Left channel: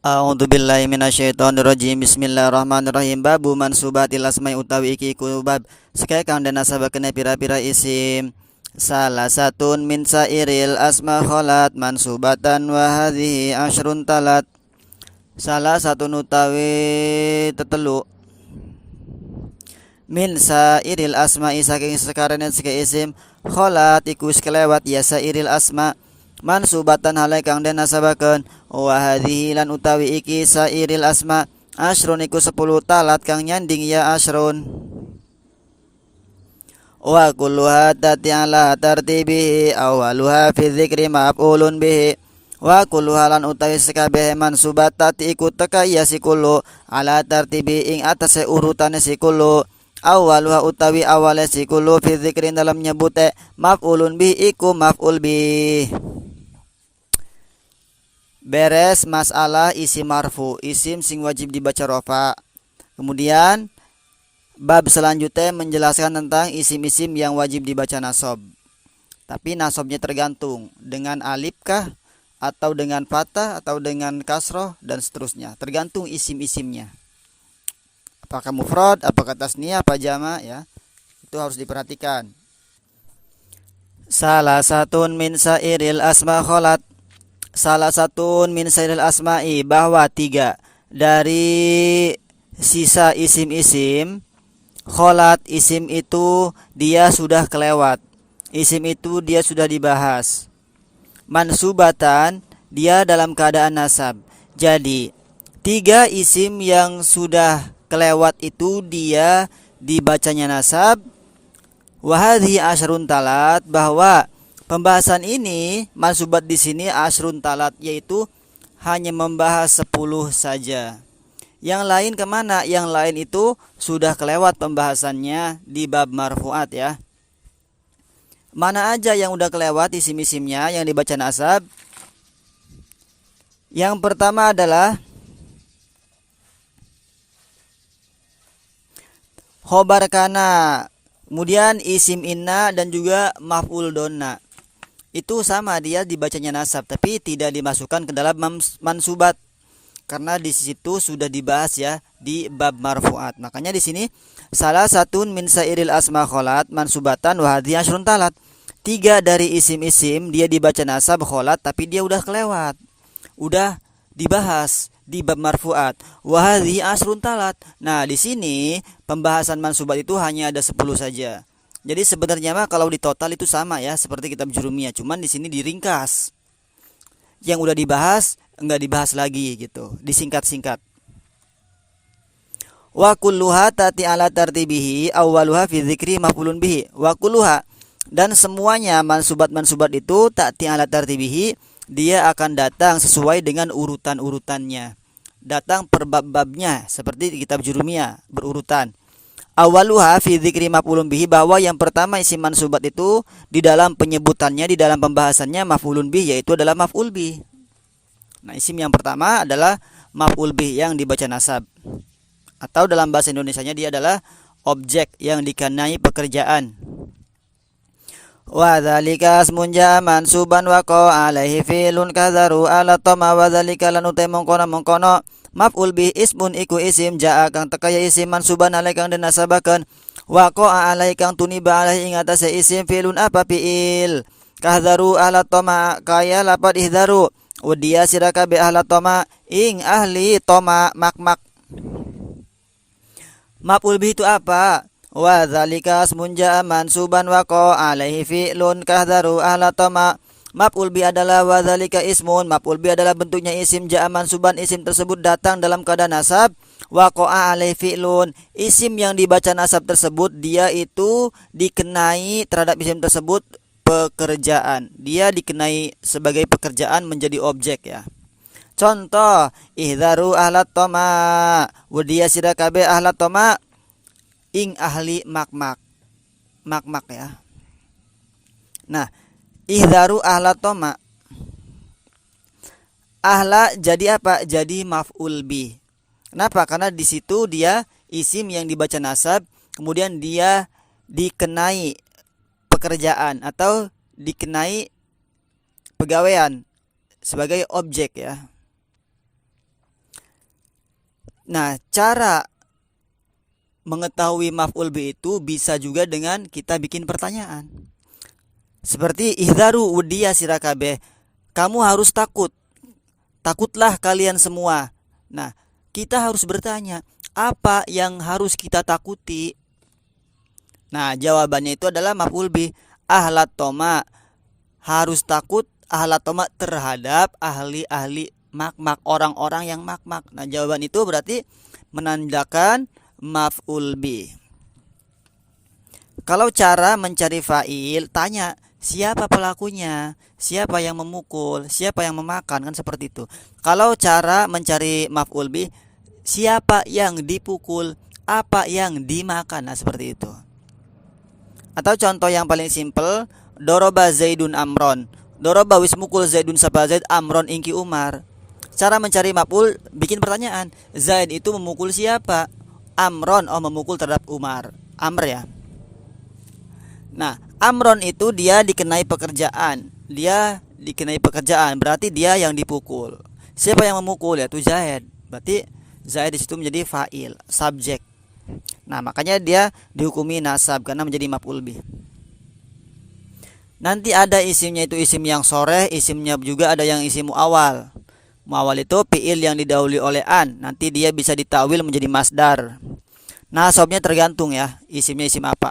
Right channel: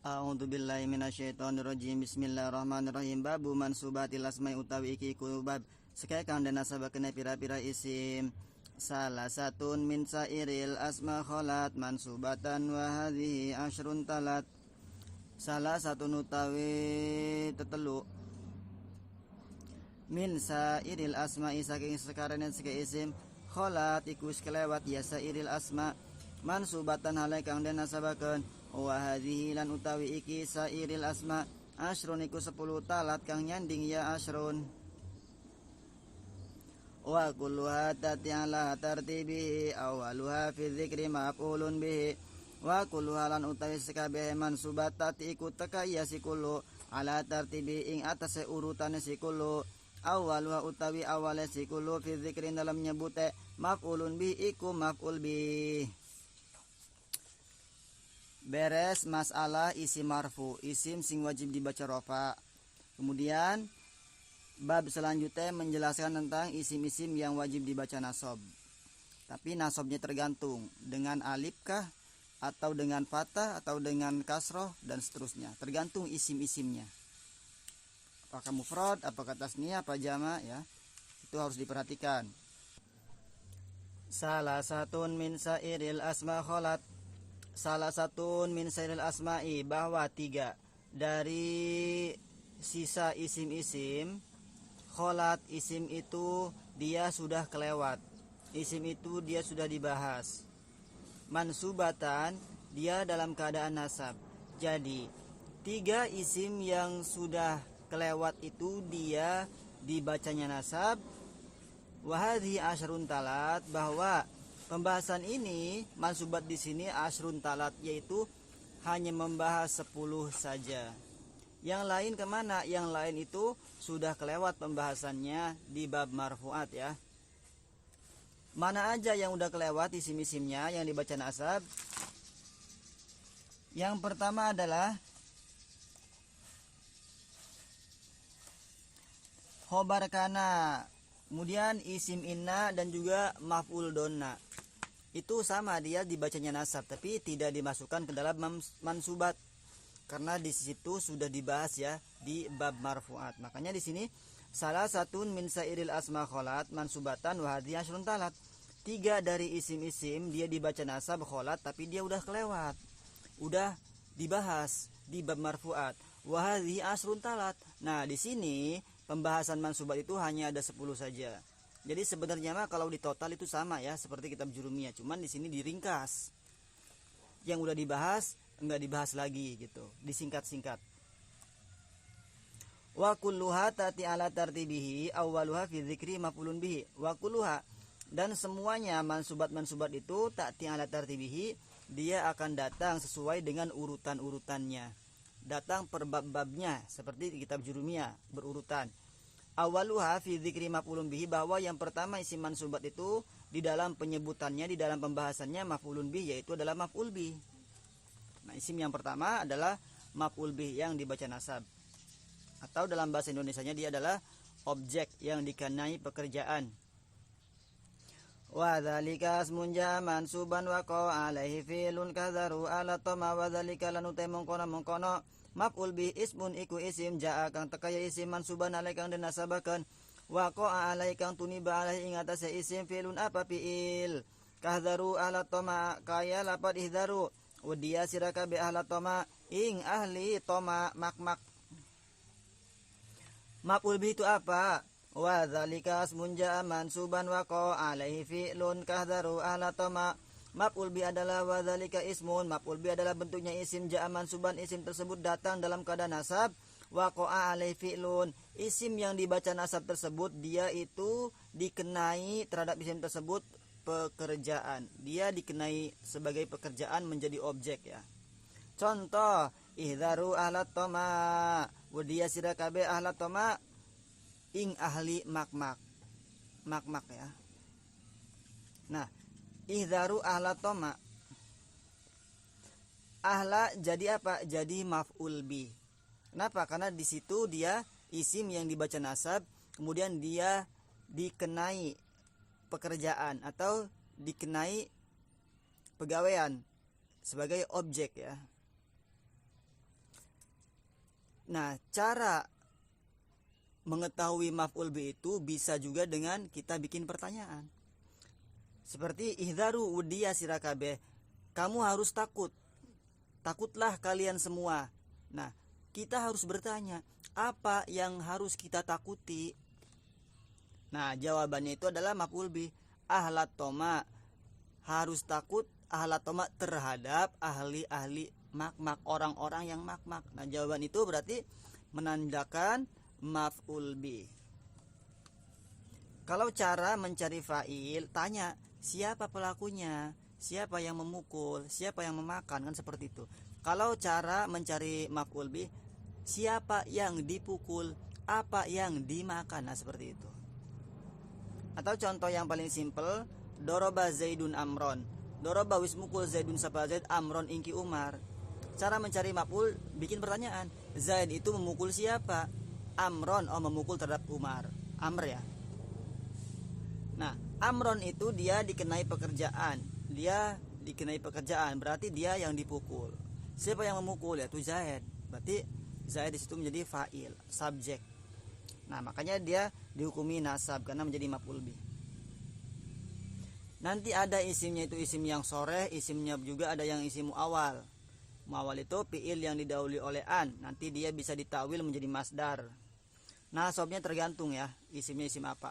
A'udzubillahi minasyaitonirrajim. Bismillahirrahmanirrahim. Babu mansubatil asma'i utawi iki iku bab sekaya kang den nasabakeun pira-pira isim. Salah satun min sairil asma kholat mansubatan wa hadhihi asyrun talat. Salah satu utawi tetelu min sairil asma'i saking sekarang seke isim kholat iku wis kelewat ya sairil asma mansubatan halai kang den nasabakeun wa hadhihi lan utawi iki sairil asma asrun iku 10 talat kang nyanding ya asrun wa kulluha tati ala tartibihi awaluha fi dzikri maf'ulun bihi wa kulluha lan utawi sekabeh mansubat tati iku teka ya si kullu ala tartibi ing atase urutane si kullu awaluha utawi awale si kullu fi dzikri dalam nyebute maf'ulun bihi iku maf'ul bihi. Beres masalah isim marfu, isim sing wajib dibaca rofa. Kemudian bab selanjutnya menjelaskan tentang isim-isim yang wajib dibaca nasob. Tapi nasobnya tergantung dengan alif kah, atau dengan fathah, atau dengan kasroh, dan seterusnya. Tergantung isim-isimnya. Apakah mufrad, apakah tasniyah, apa jama, ya. Itu harus diperhatikan. Salah satun min sairil asma kholat. Salah satu min sairil asma'i bahwa 3 dari sisa isim-isim kholat isim itu dia sudah kelewat, isim itu dia sudah dibahas. Mansubatan dia dalam keadaan nasab. Jadi 3 isim yang sudah kelewat itu dia dibacanya nasab. Wahadhi asyrun talat, bahwa pembahasan ini mansubat di sini asrun talat, yaitu hanya membahas 10 saja. Yang lain kemana? Yang lain itu sudah kelewat pembahasannya di bab marfuat ya. Mana aja yang udah kelewat isim-isimnya yang dibaca nasab? Yang pertama adalah khobar kana, kemudian isim inna dan juga maf'ul donna. Itu sama, dia dibacanya nasab tapi tidak dimasukkan ke dalam mansubat karena di situ sudah dibahas ya di bab marfuat. Makanya di sini salah satu min sairil asma kholat mansubatan wa hadhihi asyrun talat. 3 dari isim-isim dia dibaca nasab kholat tapi dia udah kelewat. Udah dibahas di bab marfuat. Wa hadhihi asyrun talat. Nah, di sini pembahasan mansubat itu hanya ada 10 saja. Jadi sebenarnya mah kalau di total itu sama ya seperti kitab jurumiyah, cuman di sini diringkas. Yang udah dibahas enggak dibahas lagi gitu, disingkat-singkat. Wa kulluha tati ala tartibihi awwaluha fi dzikri maf'ulun bihi. Wa kulluha, dan semuanya mansubat-mansubat itu tati ala tartibihi, dia akan datang sesuai dengan urutan-urutannya. Datang per bab-babnya seperti di kitab jurumiyah berurutan. Awaluha fi dzikri maf'ulun bihi, bahwa yang pertama isim mansubat itu di dalam penyebutannya, di dalam pembahasannya maf'ulun bihi, yaitu adalah maf'ul bih. Nah, isim yang pertama adalah maf'ul bih yang dibaca nasab. Atau dalam bahasa Indonesianya dia adalah objek yang dikenai pekerjaan. Wa dzalika asmun ja mansuban wa qa alaihi fi'lun kadzaru ala tama wa dzalika lan utai mongkono maf'ul bih ismun iku isim jaa kang teka ya isim mansuban alai kang den nasabakeun wa qa alai kang tuniba alai ing atase isim fi'lun apa fi'il kadzaru ala tama kaya lapat ihdaru udia siraka bi ahla tama ing ahli tama mak maf'ul bih itu apa? Wa dzalika asmun jaa mansuban wa qa alaihi fi'lun kadzaru ahla tama. Maf'ul bi adalah wa dzalika ismun, maf'ul bi adalah bentuknya isim jaa mansuban, isim tersebut datang dalam keadaan nasab. Wa qa alaihi fi'lun, isim yang dibaca nasab tersebut dia itu dikenai terhadap isim tersebut pekerjaan. Dia dikenai sebagai pekerjaan menjadi objek ya. Contoh, ihdaru ahlat toma, wudiya sirakabe ahlat toma, ing ahli mak ya. Nah, ihdaru ahlat toma, ahla jadi apa? Jadi maf'ul bih. Kenapa? Karena di situ dia isim yang dibaca nasab, kemudian dia dikenai pekerjaan atau dikenai pegawaian sebagai objek ya. Nah, cara mengetahui maf'ul bi itu bisa juga dengan kita bikin pertanyaan. Seperti ihdaru udiya sirakabe. Kamu harus takut. Takutlah kalian semua. Nah, kita harus bertanya, apa yang harus kita takuti? Nah, jawabannya itu adalah maf'ul bi. Ahlat toma, harus takut ahlat toma terhadap ahli-ahli makmak, orang-orang yang makmak. Nah, jawaban itu berarti menandakan maf'ul bi. Kalau cara mencari fa'il, tanya siapa pelakunya, siapa yang memukul, siapa yang memakan, kan seperti itu. Kalau cara mencari maf'ul bi, siapa yang dipukul, apa yang dimakan, nah seperti itu. Atau contoh yang paling simpel, doroba Zaidun Amron. Doroba wis mukul Zaidun sapa Zaid, Amron ingki Umar. Cara mencari maf'ul, bikin pertanyaan. Zaid itu memukul siapa? Amron, oh memukul terhadap Umar. Amr ya. Nah, Amron itu dia dikenai pekerjaan. Dia dikenai pekerjaan, berarti dia yang dipukul. Siapa yang memukul? Yaitu Zaid. Berarti Zaid di situ menjadi fa'il, subjek. Nah, makanya dia dihukumi nasab karena menjadi maf'ul bih. Nanti ada isimnya itu isim yang soreh, isimnya juga ada yang isim muawal. Muawal itu fi'il yang didahului oleh an, nanti dia bisa ditawil menjadi masdar. Nasabnya tergantung ya, isimnya isim apa.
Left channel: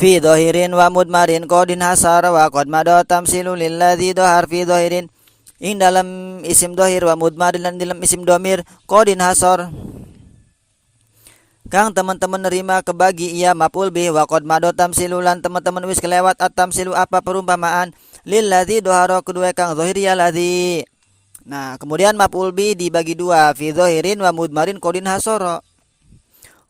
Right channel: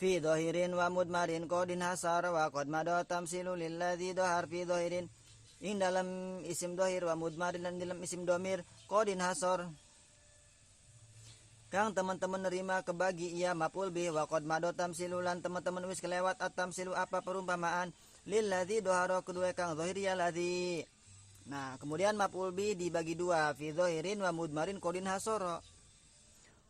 Fi dhahirin wa mudmarin qadin hasar wa qad madha tamsilu lilladzi dhahar fi dhahirin. Ing dalam isim dhahir wa mudmarin dan dalam isim domir qadin hasar. Kang teman-teman nerima kebagi ia maf'ul bih wa qad madha tamsilu lan teman-teman wis kelewat at-tamsilu apa perumpamaan lilladzi dhahara kedua kang dhahir ya ladzi. Nah, kemudian maf'ul bih dibagi dua, fi dhahirin wa mudmarin qadin hasara.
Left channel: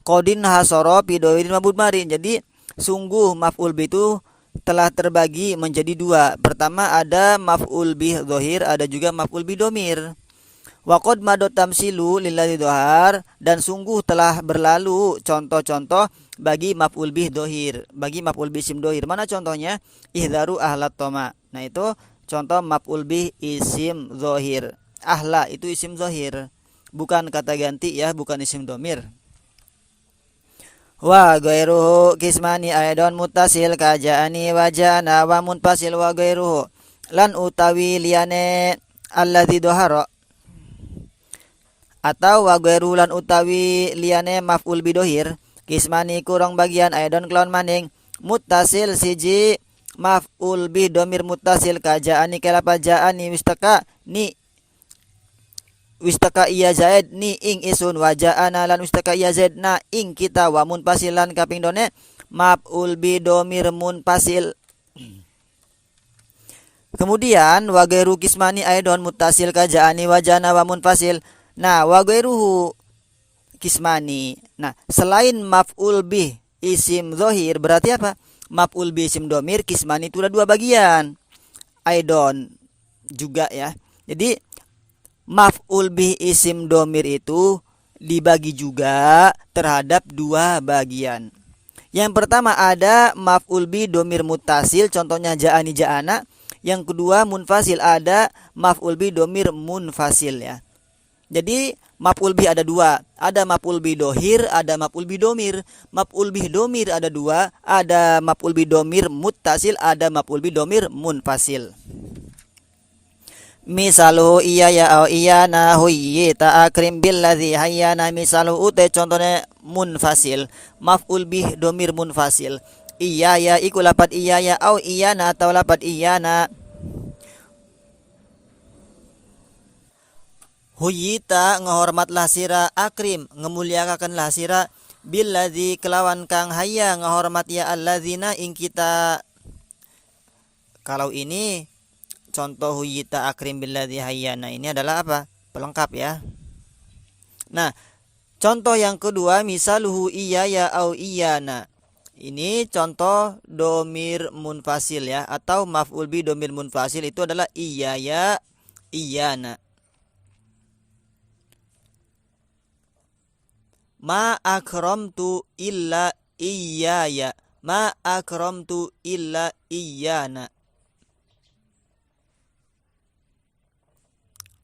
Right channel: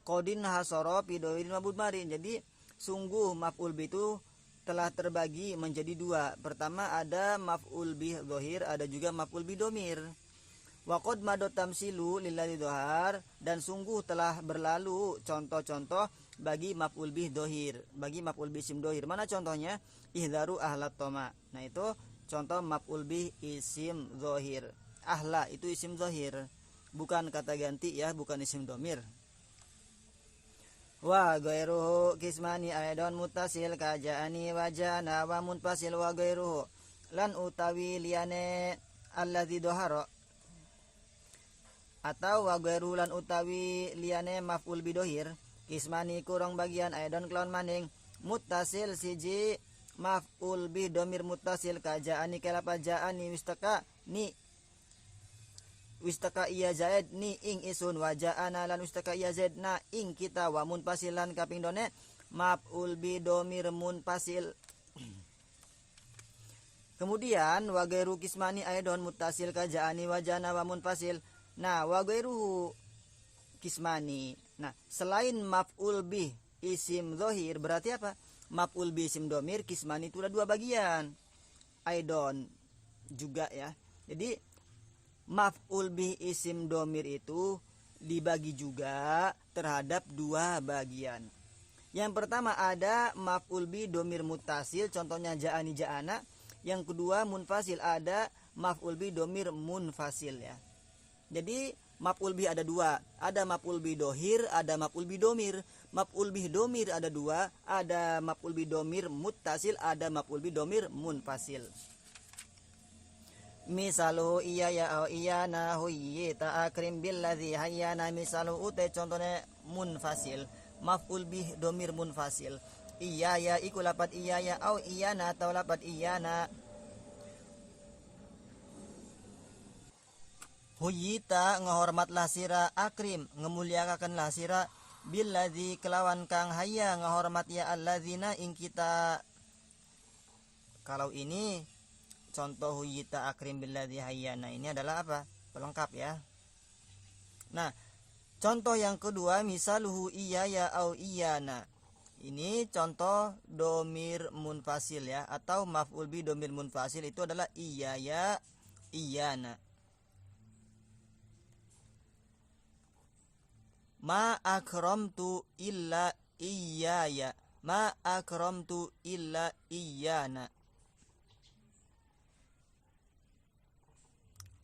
Qadin hasara fi dhahirin wa mudmarin. Jadi sungguh maf'ul bih itu telah terbagi menjadi dua. Pertama ada maf'ul bih dhahir, ada juga maf'ul bih domir. Wa qad madha tamsilu lilladzi dhahar, dan sungguh telah berlalu contoh-contoh bagi maf'ul bih dhahir, bagi maf'ul bih isim dhahir. Mana contohnya? Ihdaru ahlat toma. Nah, itu contoh maf'ul bih isim dhahir. Ahla itu isim dhahir, bukan kata ganti ya, bukan isim domir. Wa ghairuhu kismani aidon muttasil kaja'ani wa ja'ana wa munfasil wa ghairuhu lan utawi liyane alladzi dhahara. Atau wa ghairu lan utawi liyane maf'ul bi dhahir kismani kurang bagian aidon kelon maning muttasil siji maf'ul bi dhamir muttasil kaja'ani kalapa ja'ani wistaka iya Zaid ni ing isun wa ja'ana lan wistaka iya Zaid na ing kita wa munfasil lan kaping done maf'ul bi dhamir munfasil. Kemudian wa ghairu kismani aidon muttasil kaja'ani wa ja'ana wa munfasil. Nah, wa ghairuhu kismani. Nah, selain maf'ul bih isim dhahir berarti apa? Maf'ul bih isim domir kismani itu ada dua bagian. Aidon juga ya. Jadi maf'ul bih isim domir itu dibagi juga terhadap dua bagian. Yang pertama ada maf'ul bih domir muttasil, contohnya ja'ani ja'ana. Yang kedua munfasil, ada maf'ul bih domir munfasil ya. Jadi maf'ul bih ada dua, ada maf'ul bih dohir, ada maf'ul bih domir. Maf'ul bih domir ada dua, ada maf'ul bih domir muttasil, ada maf'ul bih domir munfasil. Misalu iya ya au iya na huyyi ta akrim billadzi hayyana. Misalu ute contohnya munfasil, maf'ul bih domir munfasil. Iya ya iku lapat iya ya au iya na atau lapat iya na. Huyita ngehormatlah sira, akrim ngemuliakanlah sira, billadzi kelawan kang hayya ngehormat ya alladzina ing kita. Kalau ini contoh huyita akrim billadzi hayya, nah ini adalah apa? Pelengkap ya. Nah, contoh yang kedua misaluhu iya ya au iyana. Ini contoh domir munfasil ya, atau maf'ul bi domir munfasil itu adalah iya ya iyana. Ma akramtu illa iyaya. Ma akramtu illa iyana.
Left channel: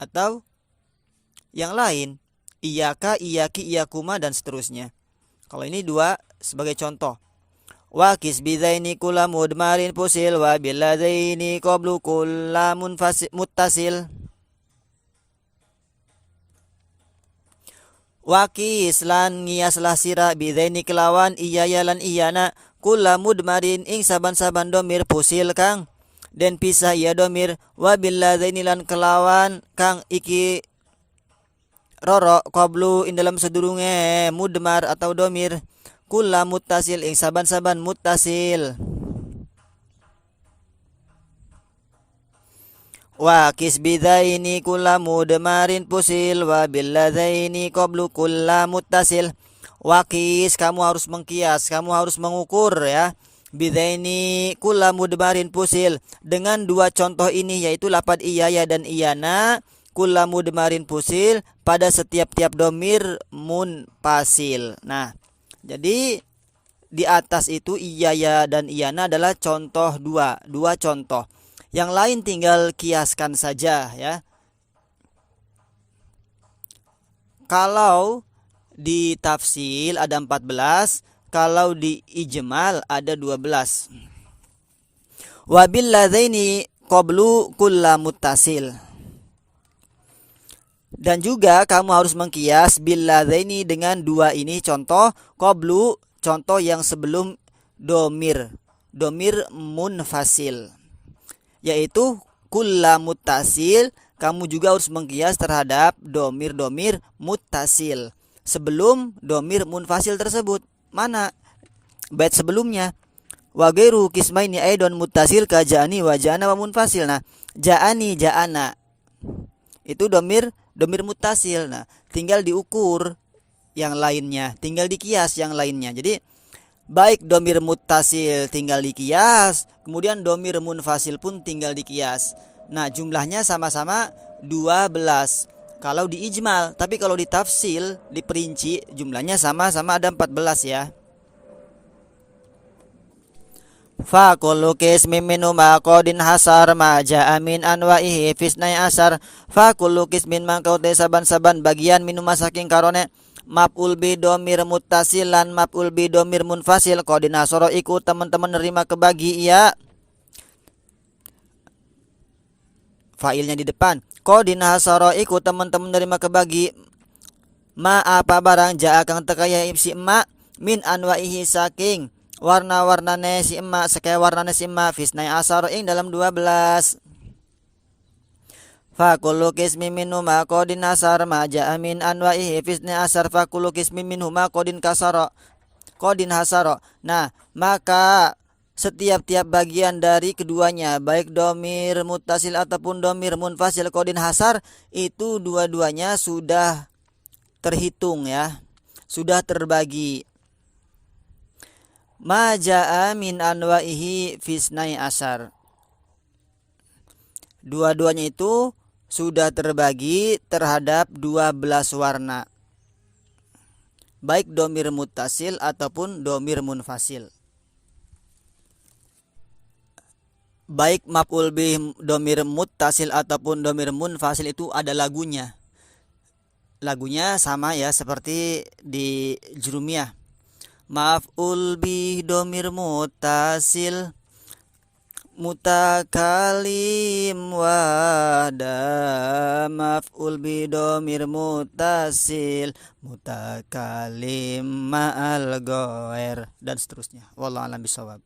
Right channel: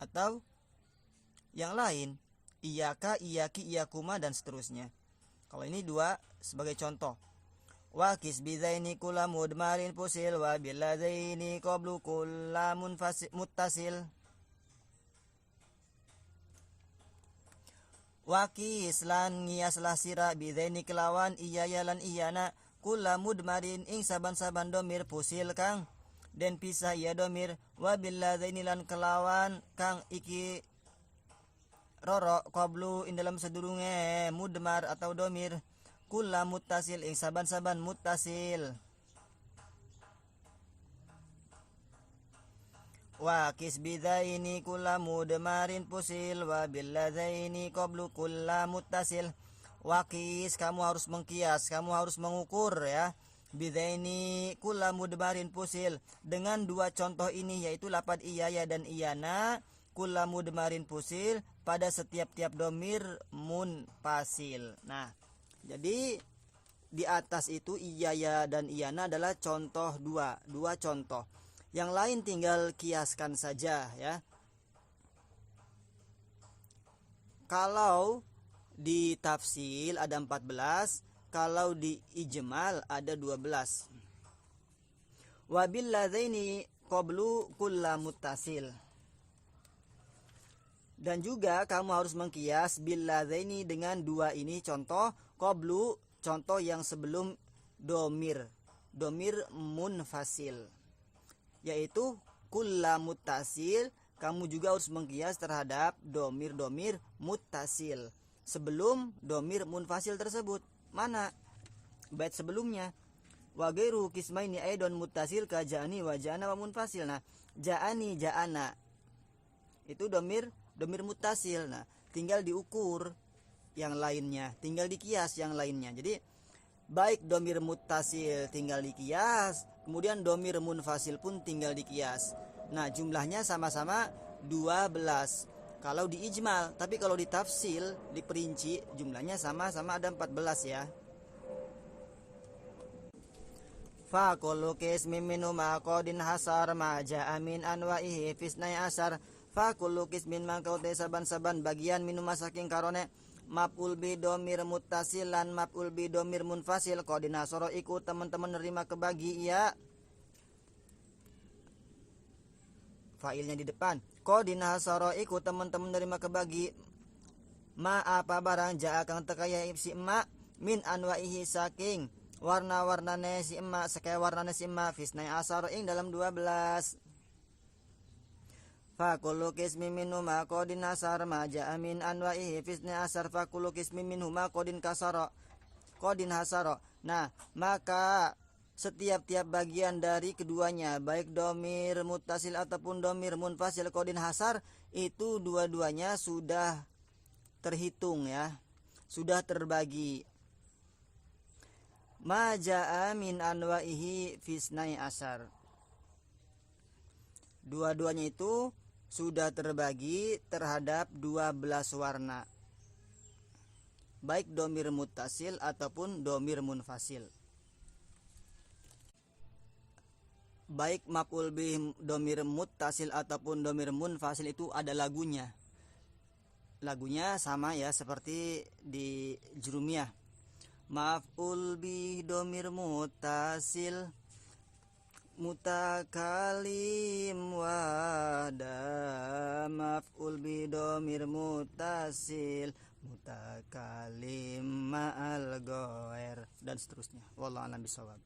Atau yang lain, iyaka, iyaki, iyakuma dan seterusnya. Kalau ini dua sebagai contoh. Wa kisbidaini kula mudmarin fusil wa billadaini qablu kulla muttasil. Wakis lan ngiyaslah sira bidaini kelawan iyaya lan iyana kula mudmarin ing saban-saban domir fusil kang den pisah iya domir wa billadaini lan kelawan kang iki roro qablu ing dalam sedurunge mudmar atau domir kula muttasil ing saban-saban muttasil. Wa kisbidaini kula mudmarin fusil wa billadaini qablu kula muttasil. Wakis, kamu harus mengkias, kamu harus mengukur ya. Bidaini kula mudmarin fusil dengan dua contoh ini yaitu lapad iyaya dan iyana kula mudmarin fusil pada setiap-tiap domir munfasil. Nah, jadi di atas itu iyaya dan iyana adalah contoh dua contoh. Yang lain tinggal kiaskan saja ya. Kalau di tafsil ada 14, kalau di ijmal ada 12. Wabil ladzaini qablu kulla muttasil. Dan juga kamu harus mengkias bil ladzaini dengan dua ini contoh qablu, contoh yang sebelum domir munfasil, yaitu kulla muttasil. Kamu juga harus mengkias terhadap domir muttasil sebelum domir munfasil tersebut. Mana bait sebelumnya? Wa ghairu qismaini aidon muttasil ka ja'ani wa ja'ana wa munfasil. Nah, ja'ani ja'ana itu domir muttasil. Nah, tinggal diukur yang lainnya, tinggal dikias yang lainnya. Jadi baik domir muttasil tinggal dikias, kemudian domir munfasil pun tinggal dikias. Nah, jumlahnya sama-sama 12 kalau di ijmal, tapi kalau di tafsil, diperinci jumlahnya sama-sama ada 14 ya. Fa kullu qismin minhu ma qadin hasar ma ja'a min anwa'ihi fisnai asar. Fa kullu qismin mangkau te saban-saban bagian minhu saking karone maf'ul bi domir muttasil lan maf'ul bi domir munfasil qadin hasara iku teman-teman nerima kebagi ya. Failnya di depan. Qadin hasara iku teman-teman nerima kebagi ma apa barang ja'a kang tekaya si emak min anwa'ihi saking warna-warnane si emak sekaya warnane si emak fisnai asar ing dalam 12. Fa kullu qismin minhu ma qadin asar ma ja'a min anwa'ihi fisnai asar fa kullu qismin minhu ma qadin hasara. Nah, maka setiap-tiap bagian dari keduanya baik domir muttasil ataupun domir munfasil qadin hasar itu dua-duanya sudah terhitung ya, sudah terbagi. Ma ja'a min anwa'ihi fisnai asar. Dua-duanya itu sudah terbagi terhadap 12 warna. Baik domir muttasil ataupun domir munfasil. Baik maf'ul bih domir muttasil ataupun domir munfasil itu ada lagunya. Lagunya sama ya seperti di jurumiyah. Maf'ul bih domir muttasil mutakalim wahda, maf'ul bi domir muttasil mutakalim ma'al ghair dan seterusnya. Wallahu a'lam bishawab.